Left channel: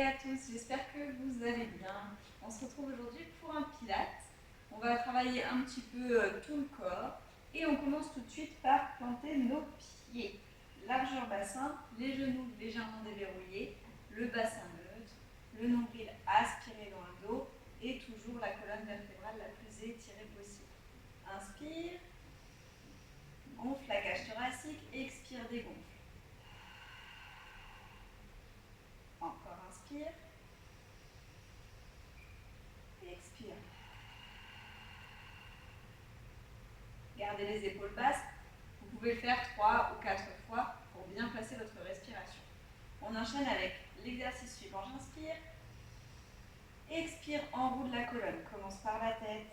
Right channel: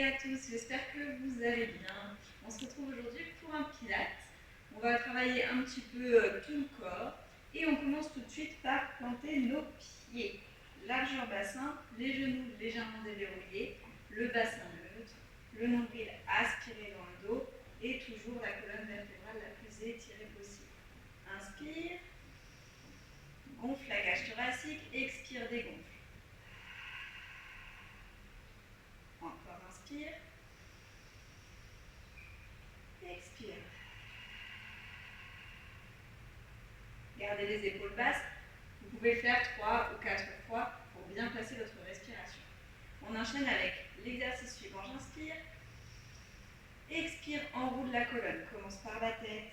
et à tous, j'espère que vous allez bien. On se retrouve aujourd'hui pour un pilates. On va travailler un petit peu tout le corps et on commence tout de suite par planter nos pieds. Largeur bassin, les genoux légèrement déverrouillés, le bassin neutre, le nombril aspiré dans le dos et toujours la colonne vertébrale la plus étirée possible. Inspire, gonfle la cage thoracique, expire, dégonfle. Encore inspire, expire. Gardez les épaules basses. Vous pouvez le faire 3 ou 4 fois pour bien placer votre respiration. On enchaîne avec l'exercice suivant. J'inspire. Expire, enroule la colonne. Commence par la tête,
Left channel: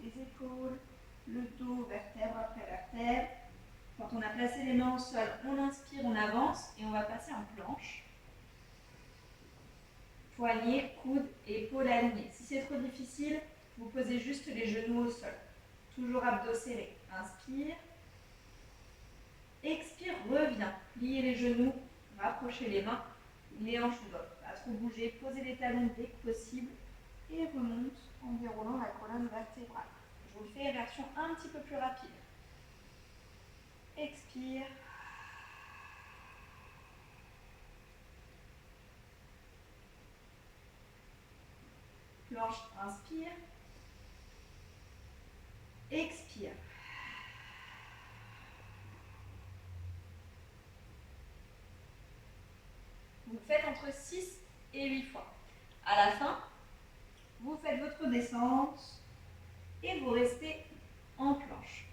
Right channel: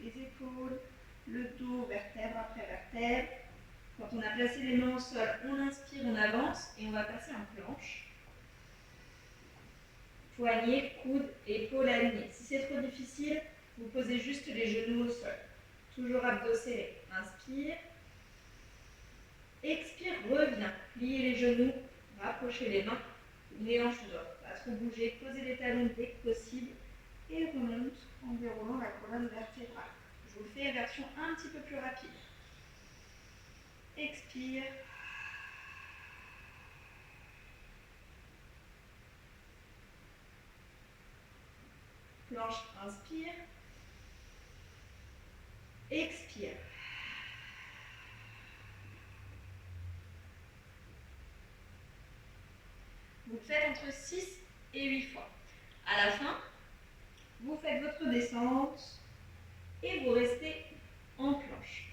les épaules, le dos, vertèbre après vertèbre. Quand on a placé les mains au sol, on inspire, on avance et on va passer en planche. Poignets, coudes, épaules alignées. Si c'est trop difficile, vous posez juste les genoux au sol. Toujours abdos serrés. Inspire. Expire, reviens. Pliez les genoux, rapprochez les mains, les hanches doivent pas trop bouger. Posez les talons dès que possible et remonte en déroulant la colonne vertébrale. Je vous le fais en version un petit peu plus rapide. Expire. Planche, inspire. Expire. Vous le faites entre 6 et 8 fois. À la fin, vous faites votre descente et vous restez en planche.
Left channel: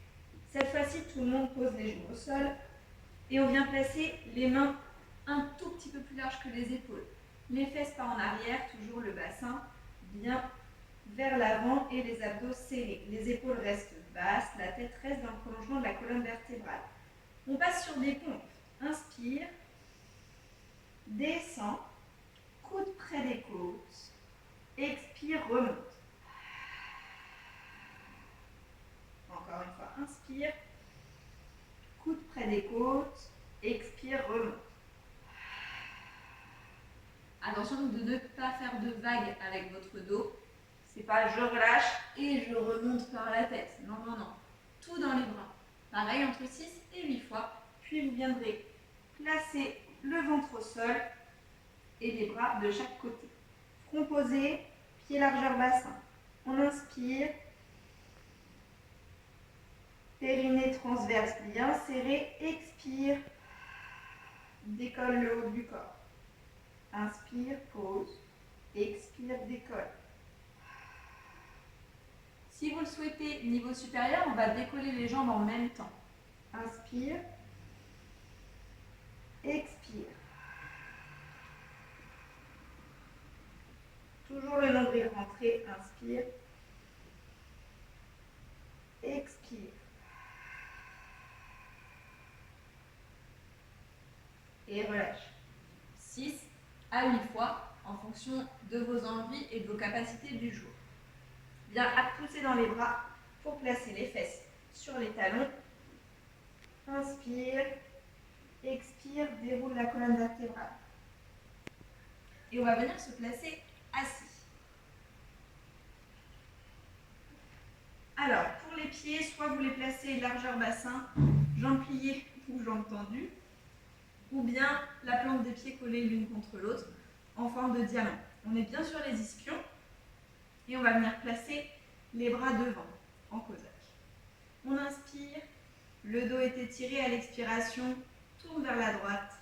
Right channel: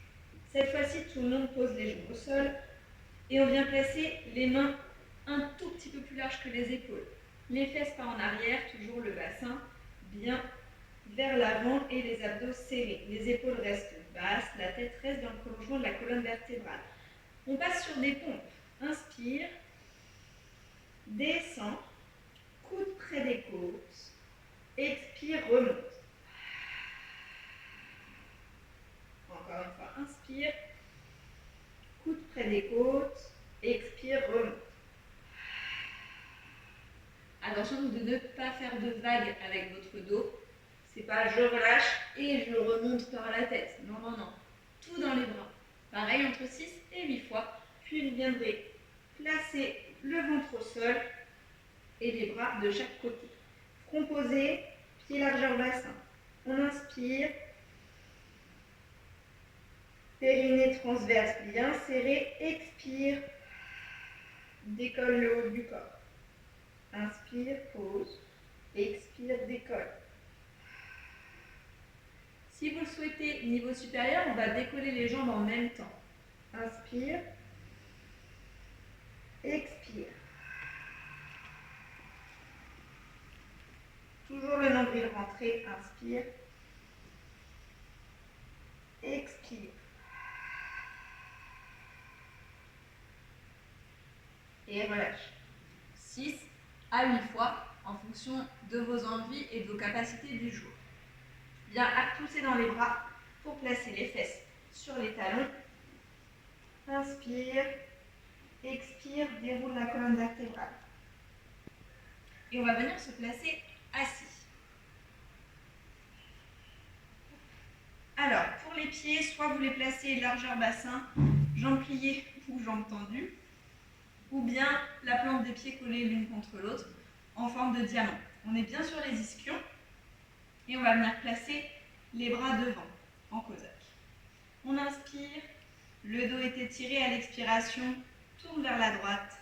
Cette fois-ci, tout le monde pose les genoux au sol et on vient placer les mains un tout petit peu plus larges que les épaules. Les fesses pas en arrière, toujours le bassin bien vers l'avant et les abdos serrés. Les épaules restent basses, la tête reste dans le prolongement de la colonne vertébrale. On passe sur des pompes. Inspire, descend, coude près des côtes, expire, remonte. Encore une fois, inspire, coude près des côtes, expire, remonte. Attention de ne pas faire de vagues avec votre dos. C'est pas je relâche et je remonte par la tête. Non, non, non. Tout dans les bras. Pareil entre 6 et 8 fois. Puis vous viendrez placer le ventre au sol et les bras de chaque côté. Front posé, pied largeur bassin. On inspire. Périnée transverse bien serré. Expire. Décolle le haut du corps. Inspire, pose. Expire, décolle. Si vous le souhaitez, niveau supérieur, on va décoller les jambes en même temps. Inspire. Expire. Toujours le nombril rentré. Inspire. Expire. Et relâche. 6 à 8 fois en fonction de vos envies et de vos capacités du jour. Bien à pousser dans les bras pour placer les fesses sur les talons. Inspire. Expire, déroule la colonne vertébrale. Et on va venir se placer assis. Alors, pour les pieds, soit vous les placez largeur bassin, jambes pliées ou jambes tendues, ou bien la plante des pieds collée l'une contre l'autre en forme de diamant. On est bien sur les ischions et on va venir placer les bras devant, en cosaque. On inspire, le dos est étiré à l'expiration, tourne vers la droite.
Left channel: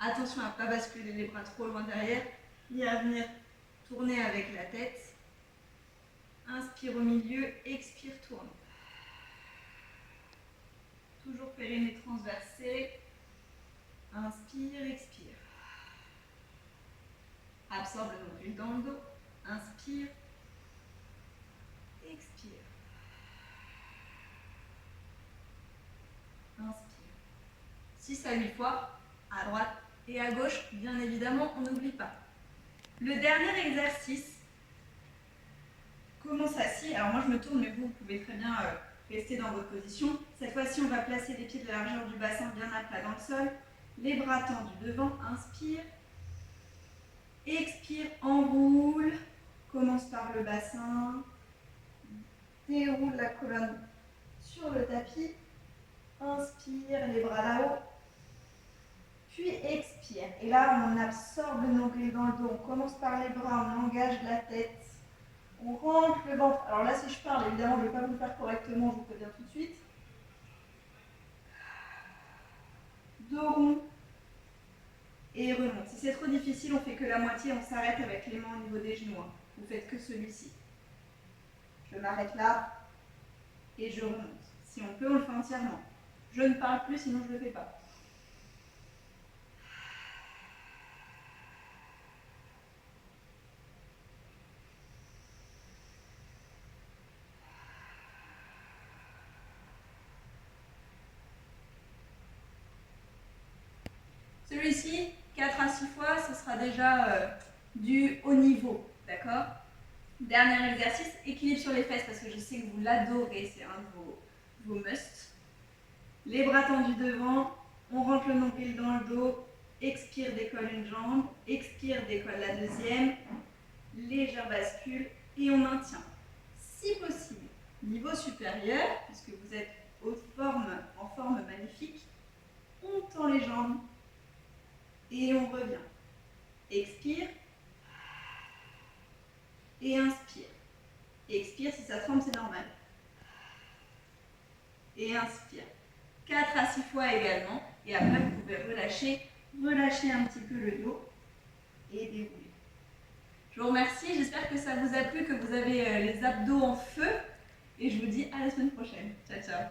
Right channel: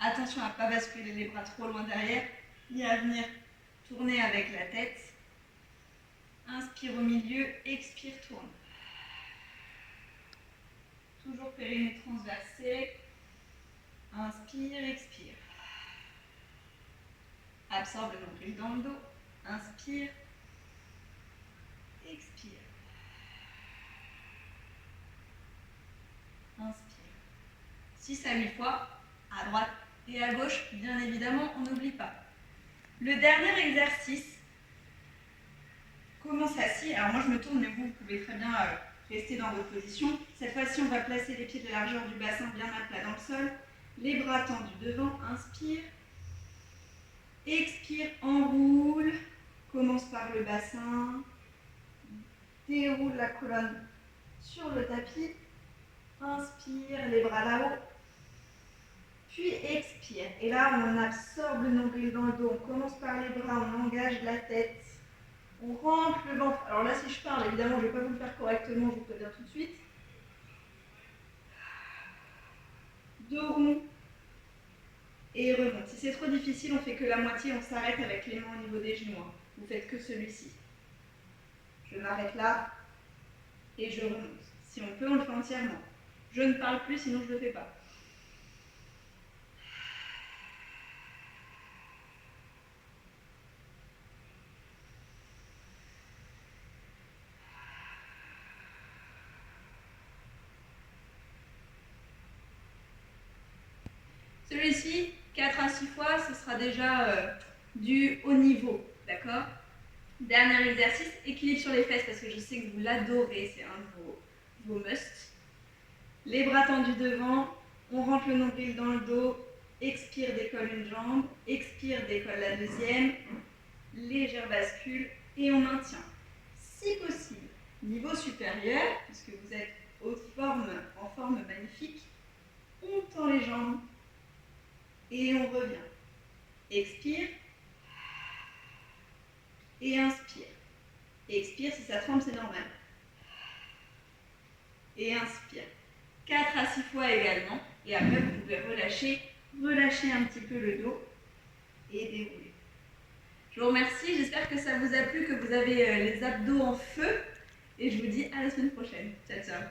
Attention à ne pas basculer les bras trop loin derrière, ni à venir tourner avec la tête. Inspire au milieu, expire, tourne. Toujours périnée transverse serré. Inspire, expire. Absorbe le nombril dans le dos. Inspire, expire. Inspire. 6 à 8 fois, à droite et à gauche, bien évidemment, on n'oublie pas. Le dernier exercice commence assis. Alors moi je me tourne, mais vous pouvez très bien rester dans votre position. Cette fois-ci, on va placer les pieds de la largeur du bassin bien à plat dans le sol Les bras tendus devant, inspire. Expire, enroule. Commence par le bassin. Déroule la colonne sur le tapis. Inspire, les bras là-haut. Puis expire. Et là, on absorbe le nombril dans le dos. On commence par les bras, on engage la tête. On rentre le ventre. Alors là, si je parle, évidemment, je ne vais pas vous le faire correctement, je vous préviens tout de suite. Dos rond. Et remonte. Si c'est trop difficile, on fait que la moitié, on s'arrête avec les mains au niveau des genoux. Vous faites que celui-ci. Je m'arrête là et je remonte. Si on peut, on le fait entièrement. Je ne parle plus, sinon je ne le fais pas. Celui-ci, 4 à 6 fois, ce sera déjà du haut niveau, d'accord? Dernier exercice, équilibre sur les fesses, parce que je sais que vous l'adorez, c'est un de vos musts. Les bras tendus devant, on rentre le nombril dans le dos, expire, décolle une jambe, expire, décolle la deuxième, légère bascule, et on maintient. Si possible, niveau supérieur, puisque vous êtes en forme magnifique, on tend les jambes, et on revient. Expire. Et inspire. Expire, si ça tremble, c'est normal. Et inspire. 4 à 6 fois également. Et après, vous pouvez relâcher un petit peu le dos et dérouler. Je vous remercie. J'espère que ça vous a plu, que vous avez les abdos en feu. Et je vous dis à la semaine prochaine. Ciao, ciao.